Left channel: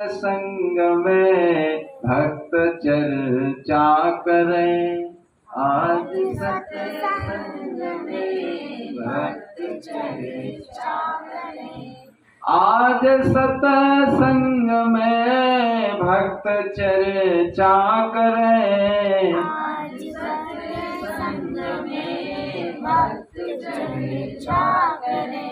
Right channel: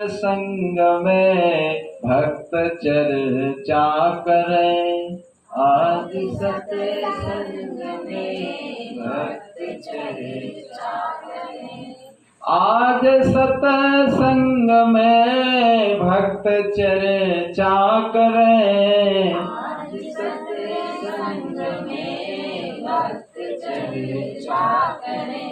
संग में भक्त चर्चा करें, आज सत्संग में भक्त चर्चा करें। आज सत्संग में भक्त चर्चा करें, आज सत्संग में भक्त चर्चा करें।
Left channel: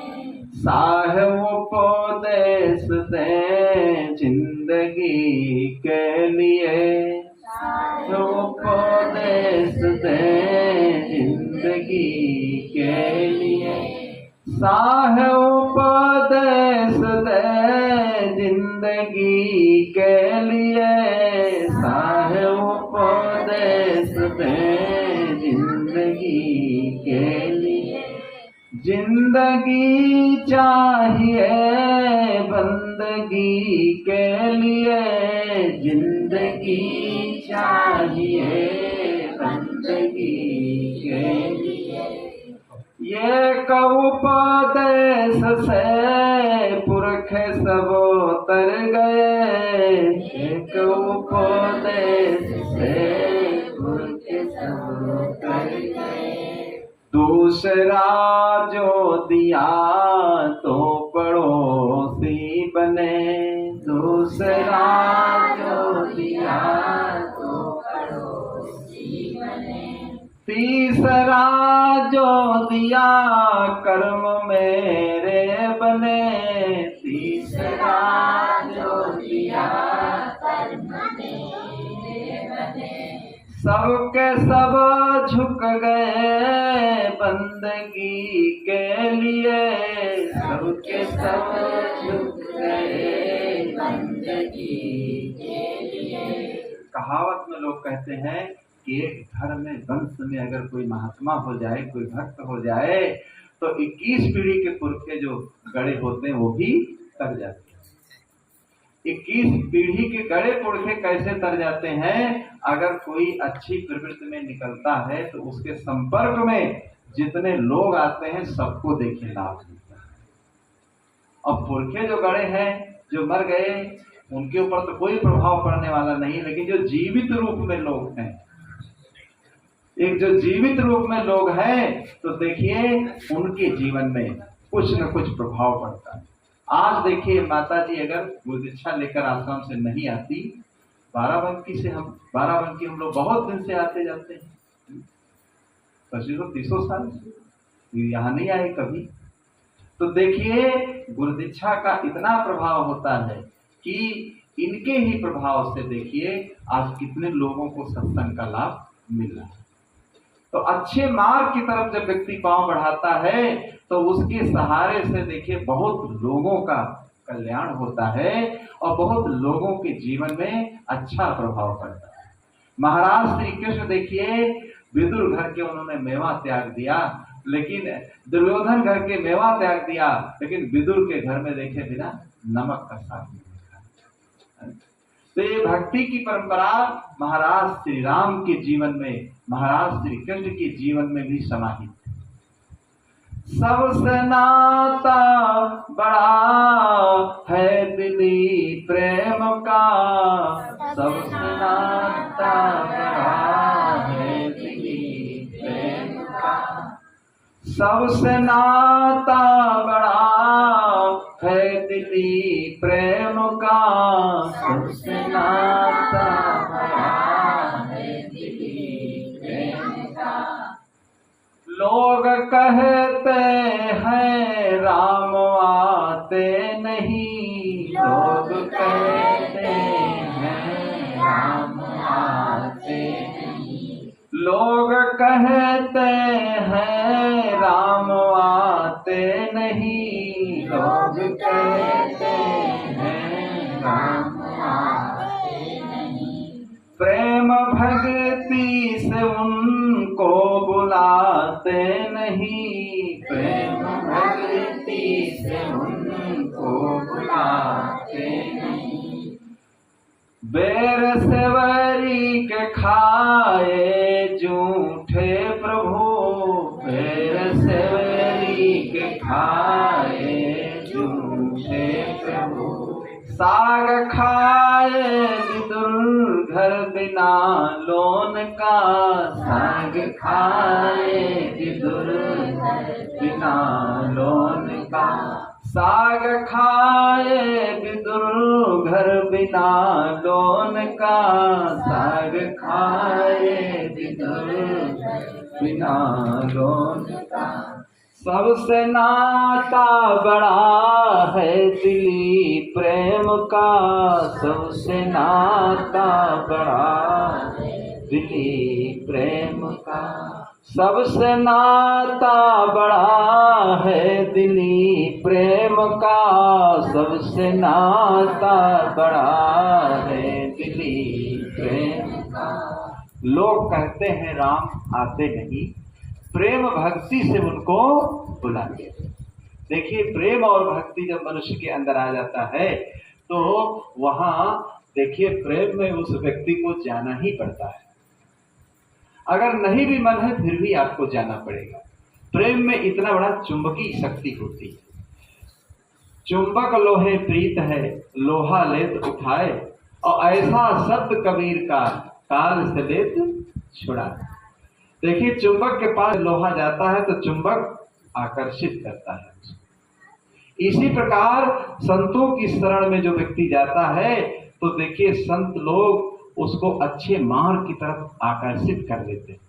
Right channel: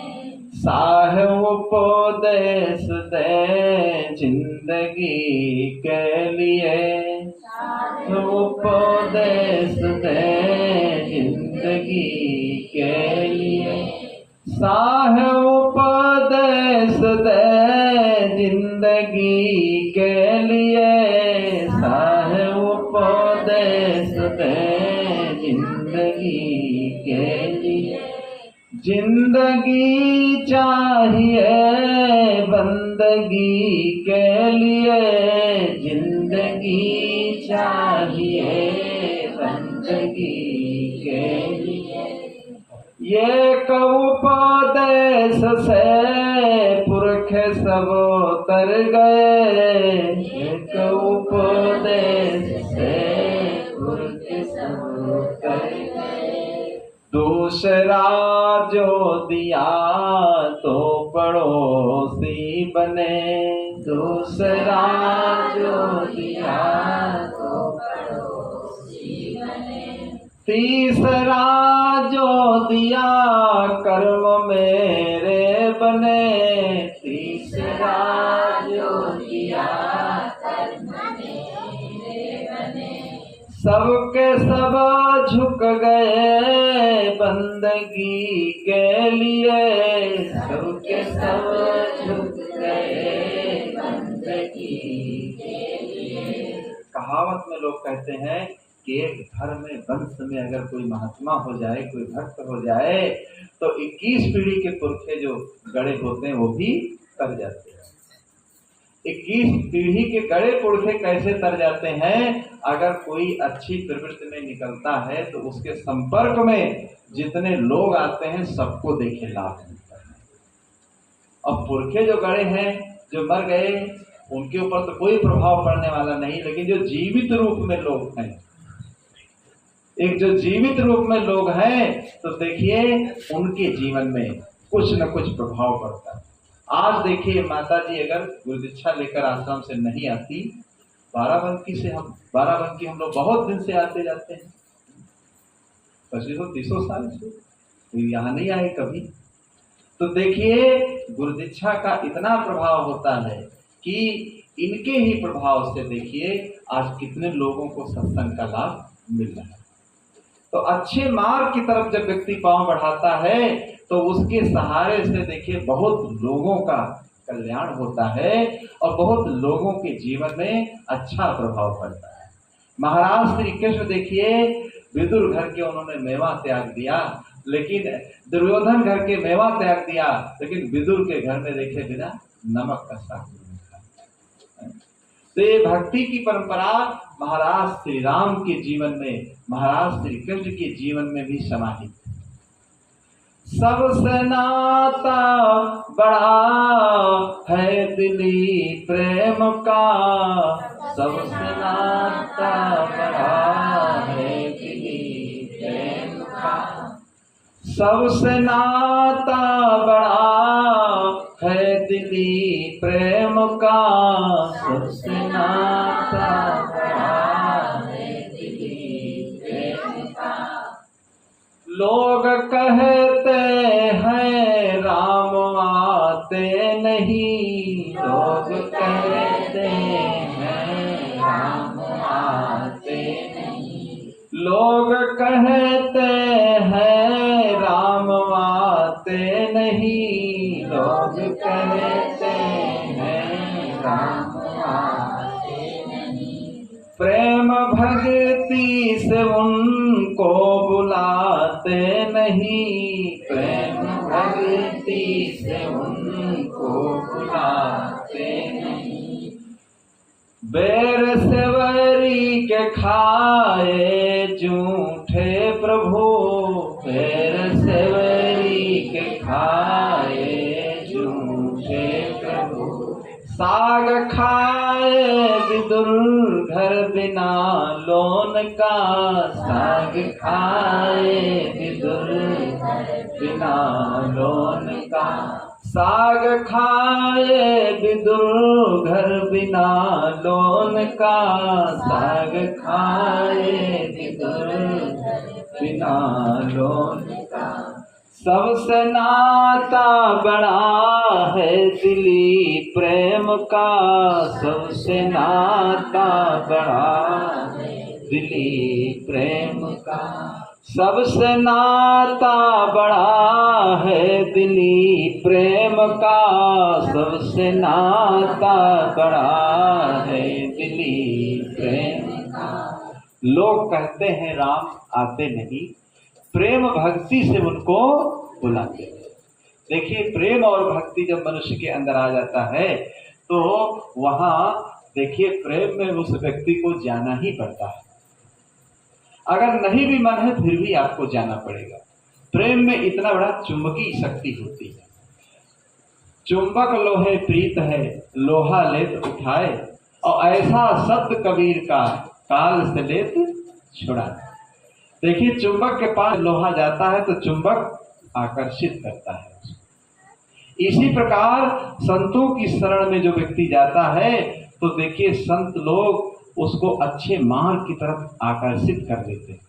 साहेब उपदेश दे जिंदगी के लिए, साहेब उपदेश दे जिंदगी के लिए। साहेब उपदेश दे जिंदगी के लिए, साहेब उपदेश दे जिंदगी के लिए। जिंदगी चाहिए बंदगी के लिए, जिंदगी चाहिए बंदगी के लिए। ये उपदेश से पुरख सब तर गए, एक उपदेश से पुरख सब तर गए। दूसरा जो दिया तो पड़ोसी बने, दूसरा जो दिया तो पड़ोसी बने। तीसरा जो दिया कर्म मेरे बने, तीसरा जो दिया कर्म मेरे बने। सबके सब झुक गए बंदगी के लिए, सबके सब झुक गए बंदगी के लिए। कहावत में लोग कहते हैं कि एक घर में वंश में अगर कोई महात्मा हो जाए, कोई भक्त हो जाए, तो 21 पीढ़ी के पुरखे जो गड़े होते हैं वो भी तर जाते हैं। 21 पीढ़ी के गड़े पुरखे कैसे तर जाते हैं? अगर कोई अच्छी प्रवृत्ति में निकलता है तो उसके संपर्क में जितने लोग आते हैं सबको देखे लाभ मिलता है। अब पुरखे जो गड़े हैं, जो मर गए, उनके ऊपर तो कोई प्रभाव पड़ने वाला नहीं, लेकिन जो जीवित रूप में लोग हैं, एक जो जीवित रूप में लोग हैं, तो देखिए उनके जीवन में कुछ न कुछ प्रभाव पड़ता है। आज देखिए माता जी अगर गुरुदीक्षा लेकर आश्रम से नहीं आती, बाराबंकी हम लोग बहुत दिन से आते जाते हैं, 2500-30 साल से यहाँ नहीं आए कभी। तो देखिए गुरुदीक्षा का इतना प्रभाव होता है कि इनके ही प्रभाव से देखिए आज कितने लोगों को सत्संग का लाभ मिल रहा है। तो अच्छे मार्ग की तरफ जब व्यक्ति पांव बढ़ाता है तो उसके सहारे से देखिए बहुत लोगों का कल्याण होता है और बहुत लोगों के जीवन में अच्छा प्रभाव पड़ता है। महाराज श्री कृष्ण देखिए विदुर घर के उन्होंने मेवा त्याग दिया, लेकिन दुर्योधन घर के मेवा त्याग दिया, लेकिन विदुर के घर में देखे बिना नमक का साग नहीं खाया। तो ये भक्ति की परंपरा महाराज श्री राम के जीवन में, महाराज श्री कृष्ण के जीवन में भी समाहित है। सबसे नाता बड़ा है दिली प्रेम का, सबसे नाता बड़ा है दिली प्रेम का। सबसे नाता बड़ा है दिली प्रेम का, सबसे नाता बड़ा है दिली प्रेम का। लोग कहते हैं राम आते नहीं, लोग कहते हैं राम आते नहीं। लोग कहते हैं राम आते नहीं, लोग कहते हैं राम आते नहीं। प्रेम भक्ति से उनको बुलाते नहीं, प्रेम भक्ति से उनको बुलाते नहीं। बेर सेवरी के खाए झूठे प्रभु, बेर सेवरी के खाए झूठे प्रभु। साग खाए विदुर घर बिना लोन का, साग खाए विदुर बिना लोन का, साग खाए विदुर घर बिना लोन का, साग खाए विदुर बिना लोन का। सबसे नाता बड़ा है दिली प्रेम का, सबसे नाता बड़ा दिली प्रेम का, सबसे नाता बड़ा है दिली प्रेम का, सबसे नाता बड़ा है दिली प्रेम का। लोग कहते हैं राम आते नहीं, प्रेम भक्ति से उनको बुलाते हैं। देखिए प्रेम और भक्ति जब मनुष्य के अंदर आ जाता है तो वहां देखिए प्रेम में उस व्यक्ति को जाना ही पड़ता है। अगर नहीं भी मन है फिर भी आपको जाना पड़ेगा। प्रेम में इतना बड़ा चुंबकीय शक्ति होती है। चुंबक लोहे प्रीत है, लोहा लेत उठाए, और ऐसा शब्द कबीर का, काल से लेत छुड़ाए। देखिए चुंबक के पास लोहा जाता है तो चुंबक आकर्षित करता है। इसी प्रकार संतों की शरण में जो व्यक्ति जाता है तो देखिए संत लोग उसको अच्छे मार्ग की तरफ आकर्षित कर देते हैं,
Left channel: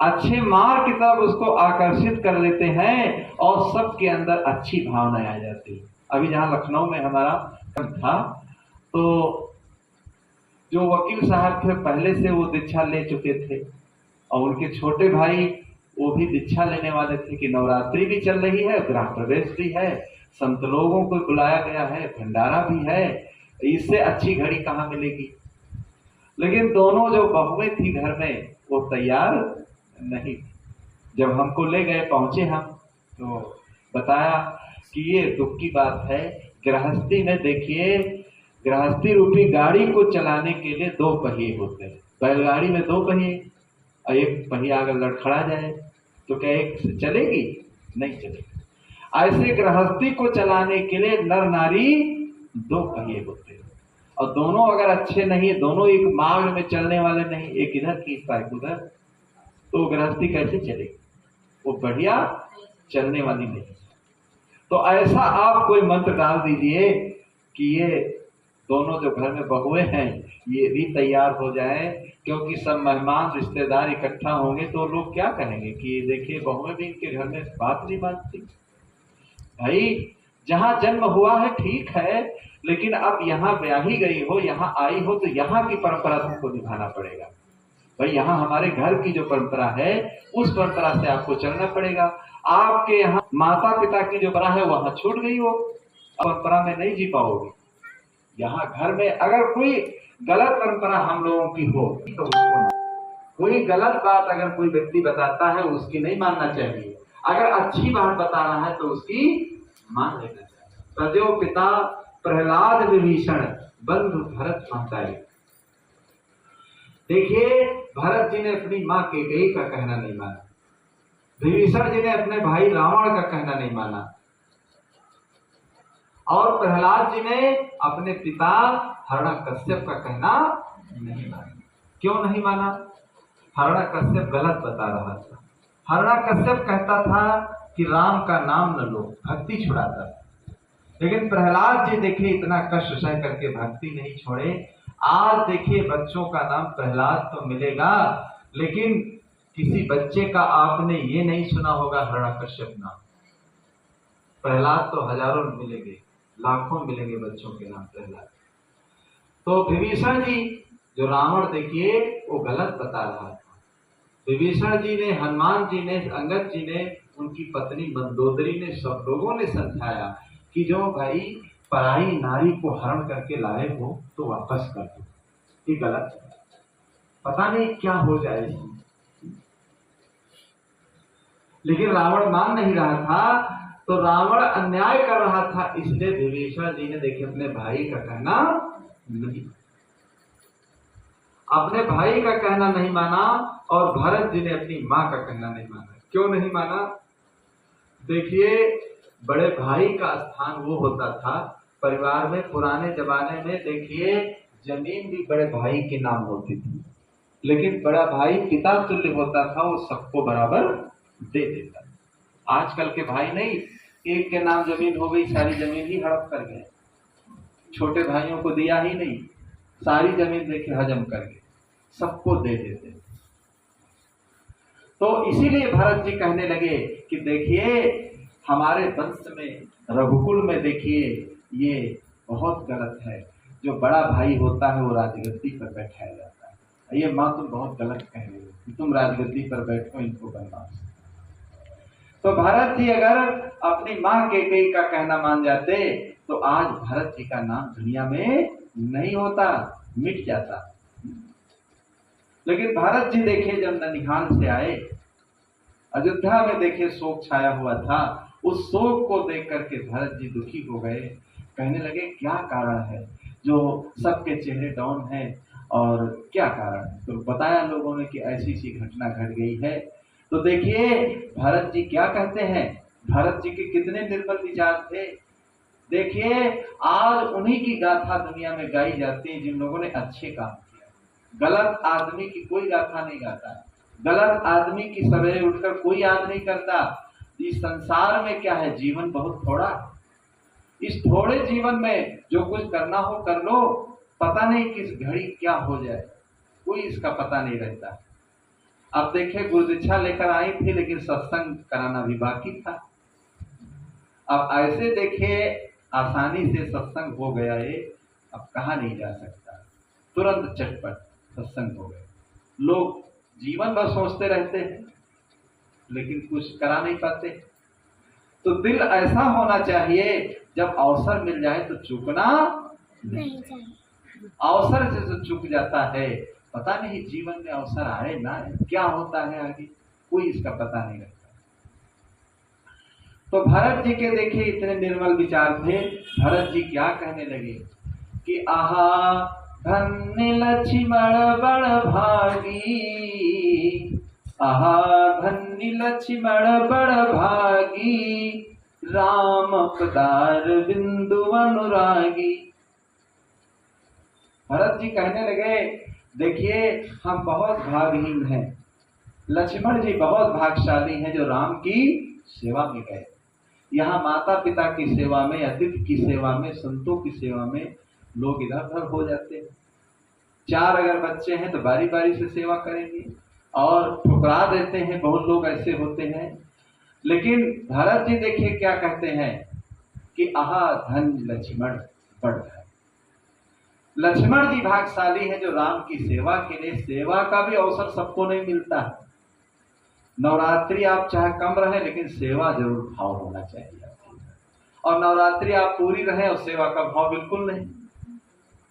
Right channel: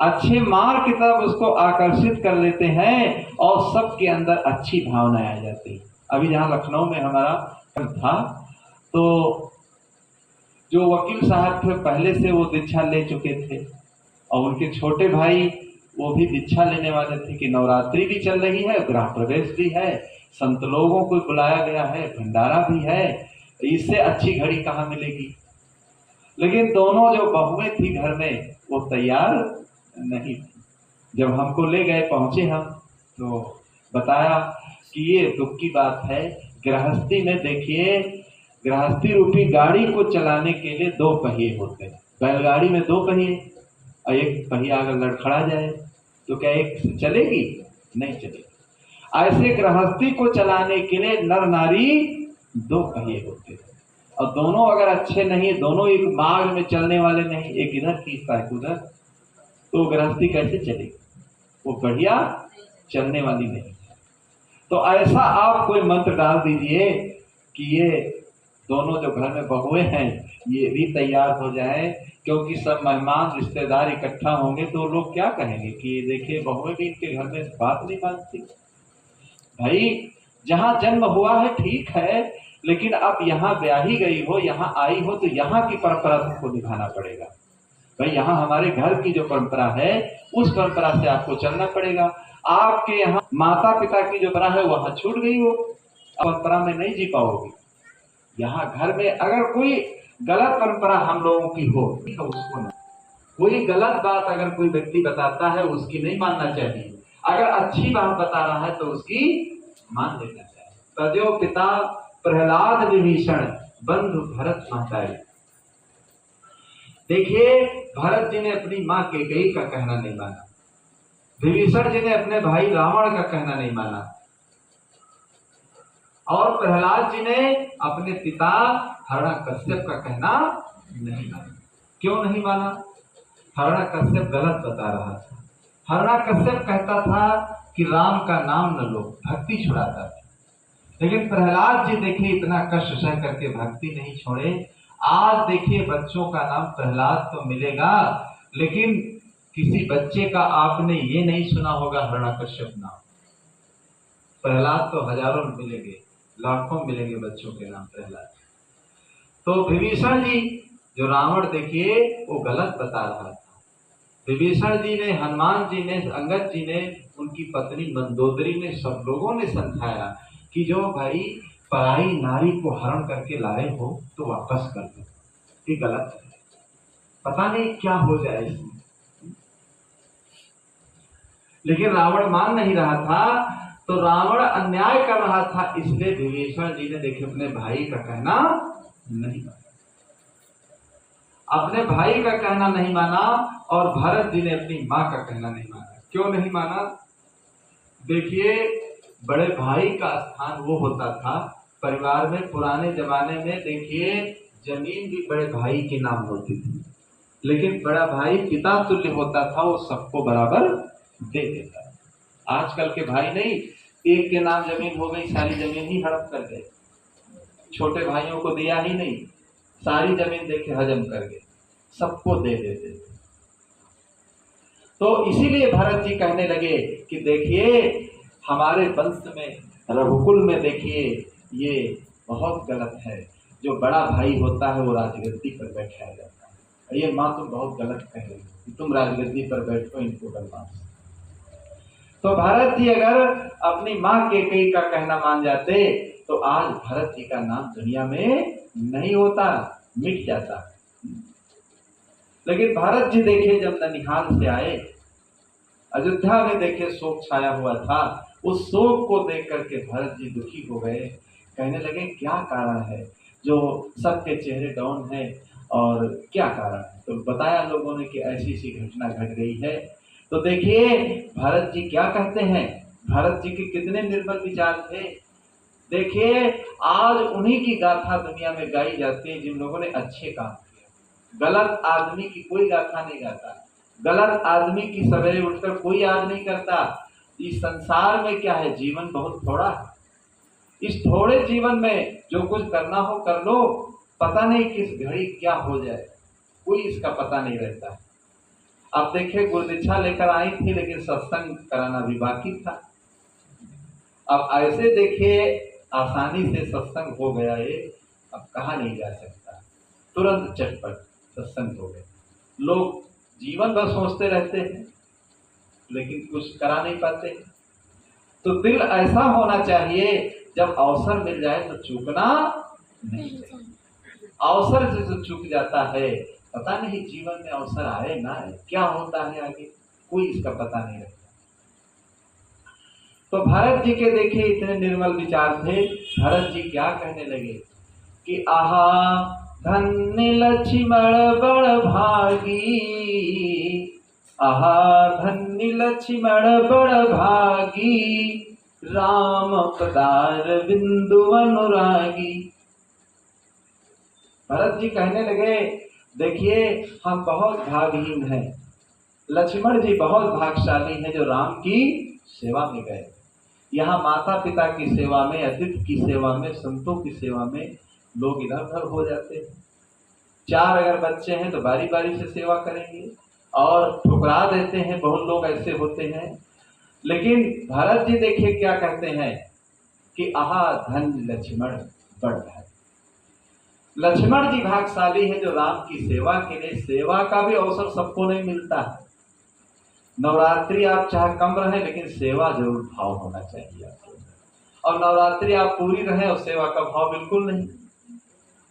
अच्छे मार्ग की तरफ उसको आकर्षित कर देते हैं और सबके अंदर अच्छी भावनाएं आ जाती है। अभी जहाँ लखनऊ में हमारा था तो जो वकील साहब थे पहले से वो दीक्षा ले चुके थे और उनके छोटे भाई वो भी दीक्षा लेने वाले थे कि नवरात्रि भी चल रही है, गृह प्रवेश भी है, संत लोगों को बुलाया गया है, भंडारा भी है, इससे अच्छी घड़ी कहाँ मिलेगी। लेकिन दोनों जो बहुएं थी घर में वो तैयार नहीं। जब हमको ले गए, पहुंचे हम तो बताया कि ये दुख की बात है, गृहस्थी में देखिए गृहस्थी रूपी गाड़ी को चलाने के लिए दो पहिए होते हैं। बैलगाड़ी में दो पहिए और एक पहिया अगर लड़खड़ा जाए तो क्या एक से चलेगी? नहीं चलेगी। ऐसे गृहस्थी को चलाने के लिए नर नारी दो पहिए होते हैं और दोनों अगर अच्छे नहीं, दोनों एक मार्ग में चलने वाले नहीं, एक इधर खींचता है उधर, तो गृहस्थी कैसे चलेगी? वो बढ़िया चलने वाली नहीं। तो ऐसा आप कोई मंत्र डाल दीजिए कि ये दोनों जो घर में बहुएं हैं ये भी तैयार हो जाए, क्योंकि सब मेहमान रिश्तेदार इकट्ठा होंगे तो लोग क्या कहेंगे कि ये देखिए बहुएं भी इनके घर में बात नहीं मानती। भाई जहाँ जन्म हुआ है ठीक है, लेकिन अब यहाँ ब्याही गई हो, यहाँ आई हो तो यहाँ की परंपरा तुमको निभाना पड़ेगा। भाई यहाँ हमारे घर की जो परंपरा है उस परंपरा से आपको चलना पड़ेगा। आपके यहाँ माता पिता की जो परंपरा है वहां छूट गई हो, परंपरा में नहीं जी पाओगे। यहाँ घर में अगर कोई गलत परंपरा हम लोगों की हो तो उसको नहीं, कोई गलत बात अगर कोई व्यक्ति बताता है उसकी नहीं मानना चाहिए, अगर अच्छी बात बता रहा है तो उसकी मान लेना चाहिए। तजो पिता प्रहलाद विभीषण बंधु भरत माताई। देखिए भरत जी ने अपनी माँ कैकेयी का कहना नहीं माना, विभीषण जी ने अपने भाई रावण का कहना नहीं माना, और प्रहलाद जी ने अपने पिता हिरण्यकश्यप का कहना नहीं माना। क्यों नहीं माना? हिरण्यकश्यप गलत बता रहा था। हिरण्यकश्यप कहता था कि राम का नाम न लो, भक्ति छुड़ाता था। लेकिन प्रहलाद जी देखिए इतना कष्ट सह करके भक्ति नहीं छोड़े। आज देखिए बच्चों का नाम प्रहलाद तो मिलेगा, लेकिन किसी बच्चे का आपने ये नहीं सुना होगा हिरण्यकश्यप नाम। प्रहलाद तो हजारों मिलेंगे, लाखों मिलेंगे बच्चों के नाम प्रहलाद। तो विभीषण जी जो रावण देखिए वो गलत बता रहा था। विभीषण जी ने, हनुमान जी ने, अंगद जी ने, उनकी पत्नी मंदोदरी ने, सब लोगों ने समझाया कि जो भाई पराई नारी को हरण करके लाए हो तो वापस कर दो, ये गलत है, पता नहीं क्या हो जाए इसमें। लेकिन रावण मान नहीं रहा था, तो रावण अन्याय कर रहा था, इसलिए विभीषण जी ने देखिए अपने भाई का कहना नहीं माना, अपने भाई का कहना नहीं माना, और भरत जी ने अपनी माँ का कहना नहीं माना। क्यों नहीं माना? देखिए बड़े भाई का स्थान वो होता था परिवार में पुराने जमाने में देखिए जमीन भी बड़े भाई के नाम होती थी, लेकिन बड़ा भाई पिता तुल्य होता था, वो सबको बराबर दे देता है। आजकल के भाई नहीं, एक के नाम जमीन हो गई, सारी जमीन ही हड़प कर गए, छोटे भाइयों को दिया ही नहीं, सारी जमीन देखे हजम कर गए, सबको दे देते थे। तो इसीलिए भरत जी कहने लगे कि देखिए हमारे वंश में, रघुकुल में देखिए ये बहुत गलत है, जो बड़ा भाई होता है वो राजगद्दी पर बैठाया जाता है। ये माँ तुम बहुत गलत कह रही हो कि तुम राजगद्दी पर बैठो, इनको बनवास। तो भरत जी अगर अपनी माँ कैकेयी का कहना मान जाते तो आज भरत जी का नाम दुनिया में नहीं होता, मिट जाता। लेकिन भरत जी देखिए जब ननिहाल से आए, अयोध्या में देखे शोक छाया हुआ था, उस शोक को देख करके भरत जी दुखी हो गए। कहने लगे क्या कारण है जो सबके चेहरे डाउन है और क्या कारण है? तो बताया लोगों ने कि ऐसी सी घटना घट गई है। तो देखिए भरत जी क्या कहते हैं, भरत जी के कितने निर्बल विचार थे। देखिए आज उन्हीं की गाथा दुनिया में गाई जाती है जिन लोगों ने अच्छे काम किया। गलत आदमी की कोई गाथा नहीं गाता, गलत आदमी की सवेरे उठकर कोई याद नहीं करता। इस संसार में क्या है, जीवन बहुत थोड़ा, इस थोड़े जीवन में जो कुछ करना हो कर लो, पता नहीं किस घड़ी क्या हो जाए, कोई इसका पता नहीं रहता। अब देखिए गुरुदीक्षा लेकर आई थी लेकिन सत्संग कराना भी बाकी था। अब ऐसे देखिए आसानी से सत्संग हो गया, ये अब कहा नहीं जा सकता, तुरंत चटपट सत्संग हो गए। लोग जीवन भर सोचते रहते हैं लेकिन कुछ करा नहीं पाते। तो दिल ऐसा होना चाहिए जब अवसर मिल जाए तो चूकना नहीं चाहिए। अवसर से जो चूक जाता है, पता नहीं जीवन में अवसर आए ना आए, क्या होता है आगे, कोई इसका पता नहीं रहता। तो भरत जी के देखिए इतने निर्मल विचार थे। भरत जी क्या कहने लगे कि आहा धन्य लक्ष्मण बड़ भागी, आहा धन्य लक्ष्मण बड़ भागी, राम पदार बिंदु अनुरागी। भरत जी कहने लगे देखिए हम बहुत भागहीन हैं, लक्ष्मण जी बहुत भाग्यशाली हैं जो राम की सेवा में गए। यहाँ माता पिता की सेवा में, अतिथि की सेवा में, संतों की सेवा में लोग इधर उधर हो जाते हैं। 4 अगर बच्चे हैं तो बारी बारी से सेवा करेंगे और ठुकरा देते हैं, बहुत लोग ऐसे होते हैं। लेकिन भरत जी देखिए क्या कहते हैं कि आहा धन लक्ष्मण बड़ भाई। लक्ष्मण जी भाग्यशाली है जो राम की सेवा के लिए, सेवा का भी अवसर सबको नहीं मिलता है। नवरात्रि आप चाहे कम रहे लेकिन सेवा जरूर भाव होना चाहिए आपको, और नवरात्रि आप पूरी रहे और सेवा का भाव बिल्कुल नहीं,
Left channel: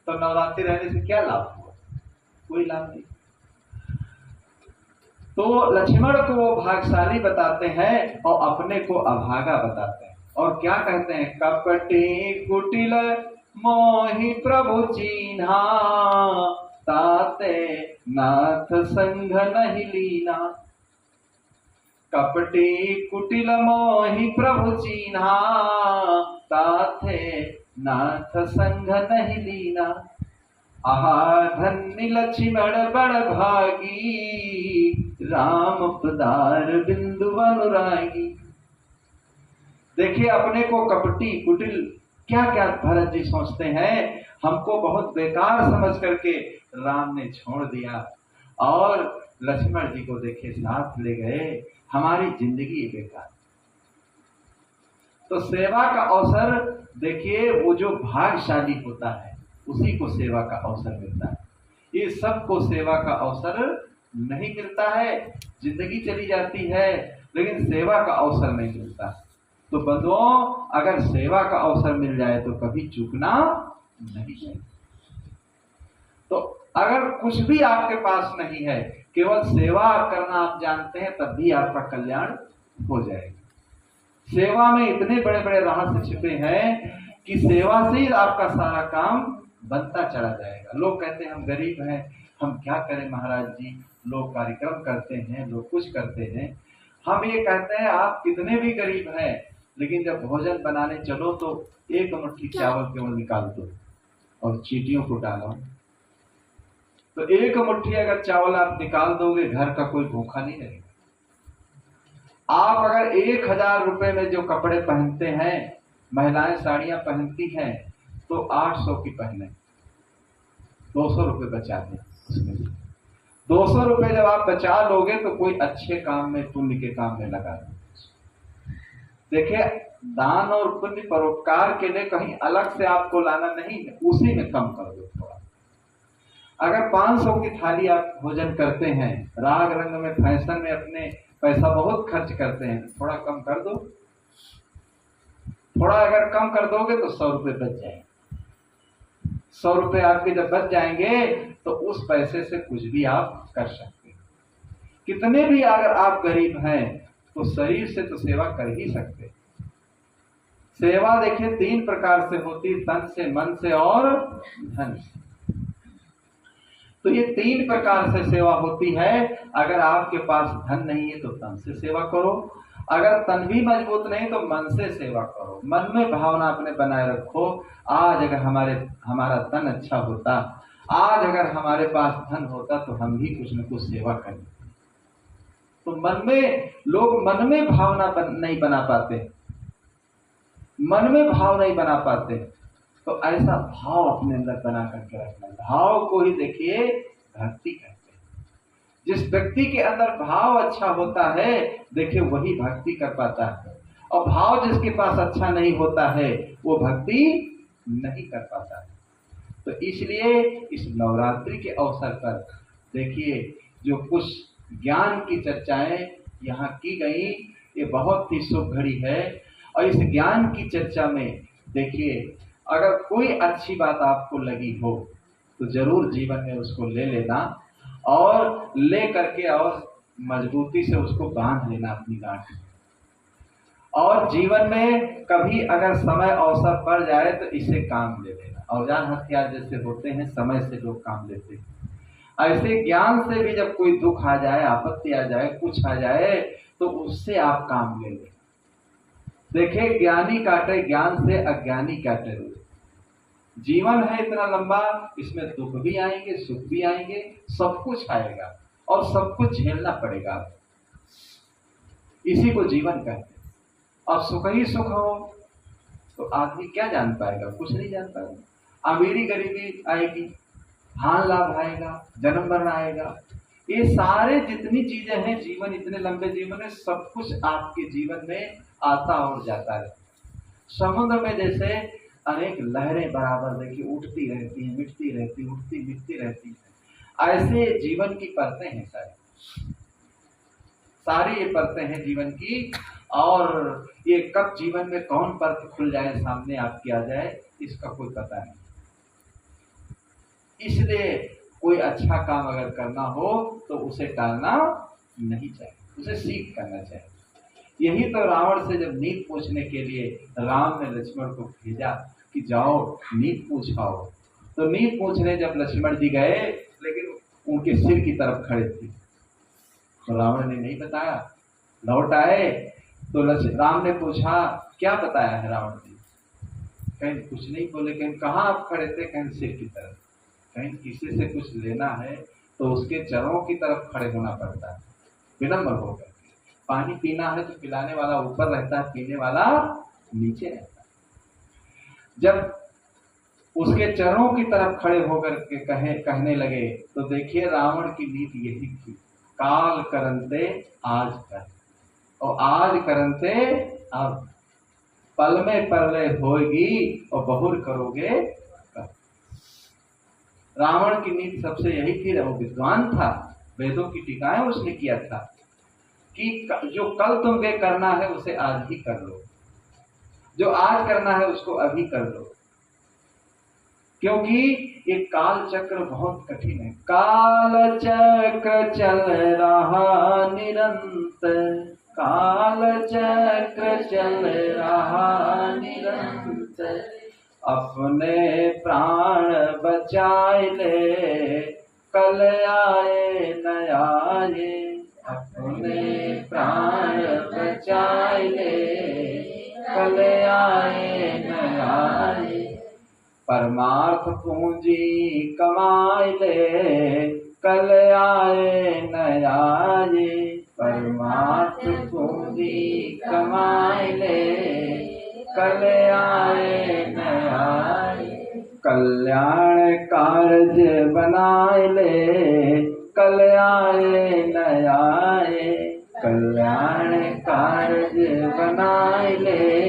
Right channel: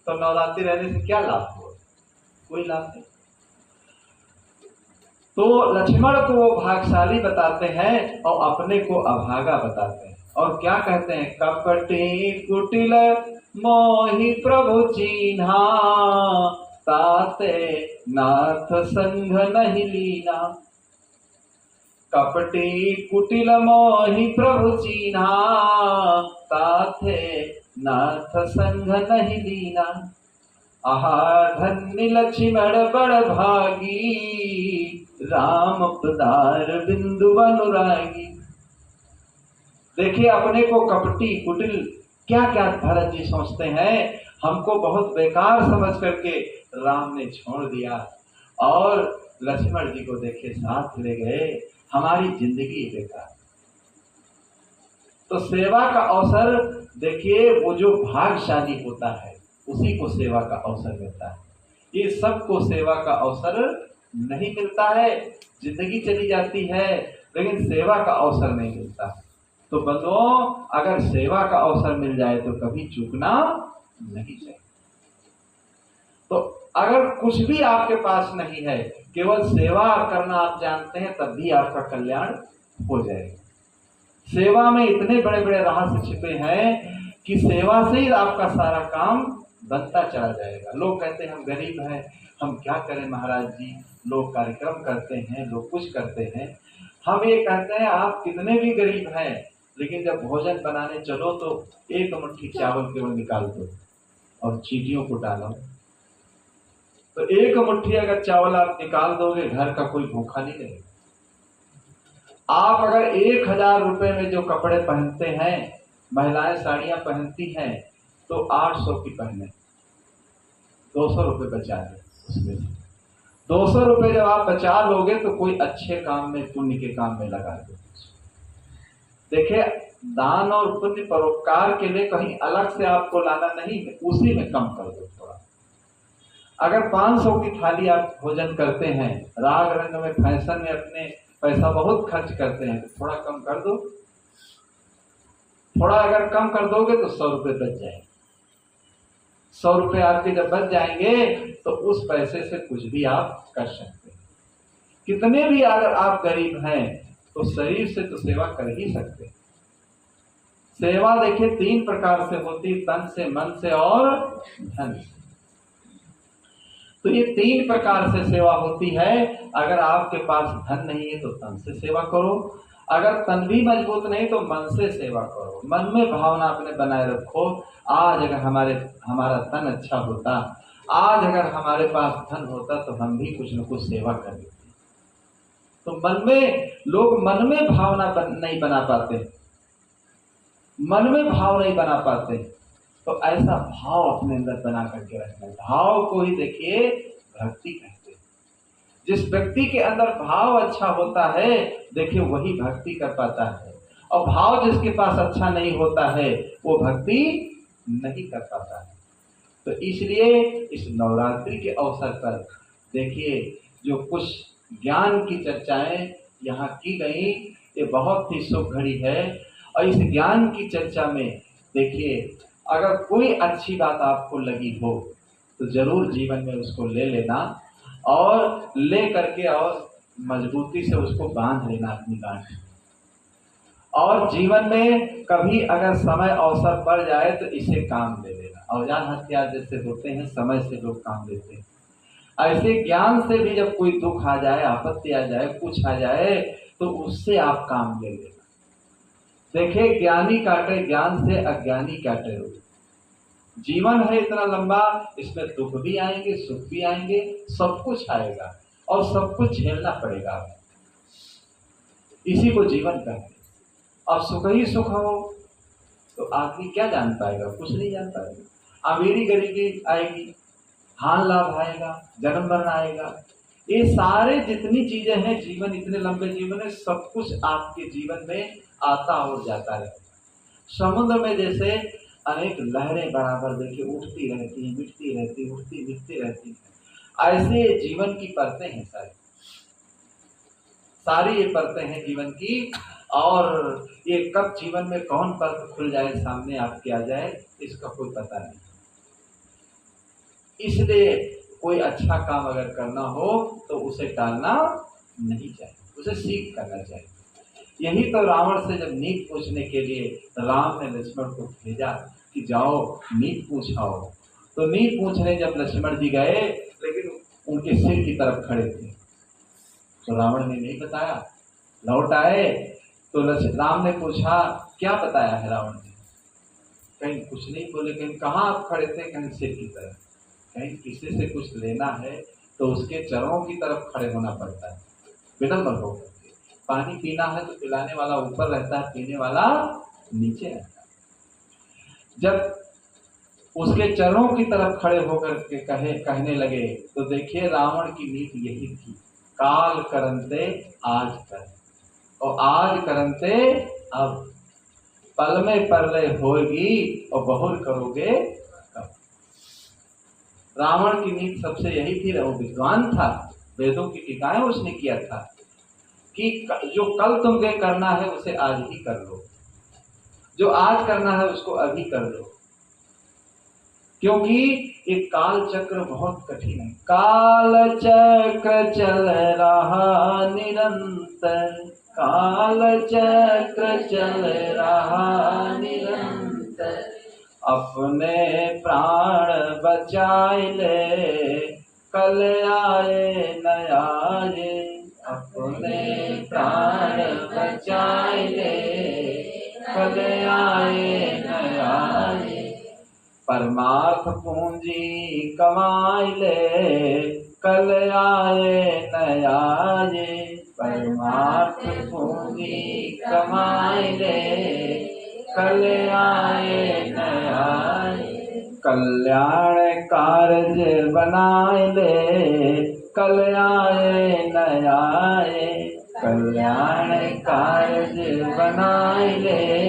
तो नवरात्रि रहने से क्या लाभ हुआ, कोई लाभ नहीं। तो लक्ष्मण को वो भाग्यशाली बताते हैं और अपने को अभागा बताते हैं। और क्या कहते हैं, कपटी कुटिल मोहि प्रभु चीन्हा, ताते नाथ संग नहीं लीना। कपटी कुटिल मोहि प्रभु चीन्हा, ताते नाथ संग नहीं लीना। आहा धन्य लक्ष्मण बड़ भागी, राम पदार बिंदु अनुरागी। देखिए अपने को कपटी कुटिल क्या क्या भरत जी सोचते हैं, हमको बहुत बेकार समझ करके राम ने छोड़ दिया और लक्ष्मण जी को देखे साथ ले गए, हमारी जिंदगी बेकार। तो सेवा का अवसर देखिए वो जो भाग्यशाली होता है उसी को सेवा का अवसर मिलता है, ये सबको सेवा का अवसर नहीं मिलता है। जिंदगी चली जाती है लेकिन सेवा का अवसर नहीं मिलता। तो बंधुओं अगर सेवा का अवसर मिल जाए तो कभी चूकना नहीं चाहिए। तो अगर कुछ भी आपके पास नहीं है, केवल सेवा करना आप जानते हैं, तब भी आपका कल्याण हो जाएगा। सेवा में इतने बड़े बड़े रहस्य छिपे हैं कि सेवा से ही आपका सारा काम बनता चला जाएगा। लोग कहते हैं हम गरीब हैं, हम क्या करें महाराज जी, लोग कार्यक्रम करते हैं, लोग कुछ करते हैं। हम ये कहते हैं आप कितने भी गरीब हैं, लेकिन जब भोजन बनाने चलो तो एक मुट्ठी चावल केवल निकाल दो और चीटियों को डालो। तो एक मुट्ठी अगर चावल आप निकाल दोगे, घर का कोई भूखा नहीं रहेगा। आप अगर 1000 रुपए में जो कपड़े पहनते हैं, महिलाएं साड़ियां पहनती हैं, तो 800 की पहने, 200 रुपए बचा दें उसमें से। 200 रुपए जब आप बचा लोगे तो कोई अच्छे काम में, पुण्य के काम में लगा दो। देखिए, दान और पुण्य परोपकार के लिए कहीं अलग से आपको लाना नहीं है, उसी में कम कर दो थोड़ा। अगर 500 की थाली आप भोजन करते हैं, राग रंग में, फैशन में अपने पैसा बहुत खर्च करते हैं, तो थोड़ा कम कर दो। थोड़ा अगर कम कर दोगे तो 100 रुपए बच जाएंगे। 100 रुपए आपके जब बच जाएंगे तो उस पैसे से कुछ भी आप कर सकते हैं। कितने भी अगर आप गरीब हैं तो शरीर से तो सेवा कर ही सकते हैं। सेवा देखिए 3 प्रकार से होती, तन से, मन से और धन से। तो ये 3 प्रकार से सेवा होती है। अगर आपके पास धन नहीं है तो तन से सेवा करो, अगर तन भी मजबूत नहीं तो मन से सेवा करो। मन में भावना अपने बनाए रखो, आज अगर हमारा तन अच्छा होता, आज अगर हमारे पास धन होता तो हम भी कुछ न कुछ सेवा कर देते। तो मन में, लोग मन में भावना नहीं बना पाते, मन में भाव नहीं बना पाते। तो ऐसा भाव अपने अंदर बना करके रखना। भाव को ही देखिए भक्ति कहते हैं। जिस व्यक्ति के अंदर भाव अच्छा होता है, देखिए वही भक्ति कर पाता है। और भाव जिसके पास अच्छा नहीं होता है, वो भक्ति नहीं कर पाता है। तो इसलिए इस नवरात्रि के अवसर पर देखिए जो कुछ ज्ञान की चर्चाएं यहाँ की गई, ये बहुत ही शुभ घड़ी है। और इस ज्ञान की चर्चा में देखिए, अगर कोई अच्छी बात आपको लगी हो तो जरूर जीवन में उसको ले लेना, और ले करके और मजबूती से उसको बांध लेना अपनी गांठ। और जीवन में कभी अगर समय अवसर पड़ जाए तो इसे काम ले लेना। औजार हथियार जैसे होते हैं, समय से लोग काम लेते हैं, ऐसे ज्ञान से भी जब कोई दुख आ जाए, आपत्ति आ जाए, कुछ आ जाए, तो उससे आप काम ले लेना। देखिए, ज्ञानी काटे ज्ञान से, अज्ञानी काटे रोग। जीवन है इतना लंबा, इसमें दुख भी आएंगे, सुख भी आएंगे, सब कुछ आएगा और सब कुछ झेलना पड़ेगा। इसी को जीवन कहते हैं। अब सुख ही सुख हो तो आदमी क्या जान पाएगा? कुछ नहीं जान पाएगा। अमीरी गरीबी आएगी, हां लाभ आएगा, जन्म मरण आएगा, ये सारे जितनी चीजें हैं, जीवन इतने लंबे जीवन में सब कुछ आपके जीवन में आता और जाता है। समुद्र में जैसे अनेक लहरें बराबर देखिए उठती रहती हैं, मिटती रहती, उठती मिटती रहती हैं, ऐसे जीवन की परतें हैं सारी ये परतें हैं जीवन की। और ये कब जीवन में कौन परत खुल जाए, सामने आपके आ जाए, इसका कोई पता नहीं। इसलिए कोई अच्छा काम अगर करना हो तो उसे टालना नहीं चाहिए, उसे सीख करना चाहिए। यही तो रावण से जब नीत पूछने के लिए राम ने लक्ष्मण को भेजा कि जाओ नीत पूछाओ, तो नीत पूछने जब लक्ष्मण जी गए, लेकिन उनके सिर की तरफ खड़े थे, तो रावण ने नहीं बताया। लौट आए तो राम ने पूछा क्या बताया है रावण जी? कहीं कुछ नहीं बोले। कहीं कहाँ आप खड़े थे? कहीं सिर की तरफ। कहीं किसी से कुछ लेना है तो उसके चरणों की तरफ खड़े होना पड़ता है, विनम्र होकर के। पानी पीना है तो पिलाने वाला ऊपर रहता है, पीने वाला नीचे रहता है। जब उसके चरणों की तरफ खड़े होकर के कहने लगे, तो देखिए रावण की नीति यही थी, काल करंते आज कर, और आज करंते अब, पल में परलय होगी और बहुर करोगे कब। रावण की नीति सबसे यही थी। वो विद्वान था, वेदों की टीकाएं उसने किया था कि जो कल तुम्हें करना है उसे आज ही कर लो, जो आज करना है उसको अभी कर लो, क्योंकि ये काल चक्र बहुत कठिन है। काल चक्र चल रहा निरंतर, काल चक्र चल रहा निरंतर, अपने प्राण बचाए ले, कल आए न आए, अपने प्राण बचाए ले, पूंजी कमाई ले, कल आए न आए। परमार्थ पूंजी कमाई ले, कल आए न आए। कल्याण कारज बनाए ले, कल आए न आए। कल्याण कारज बनाए ले,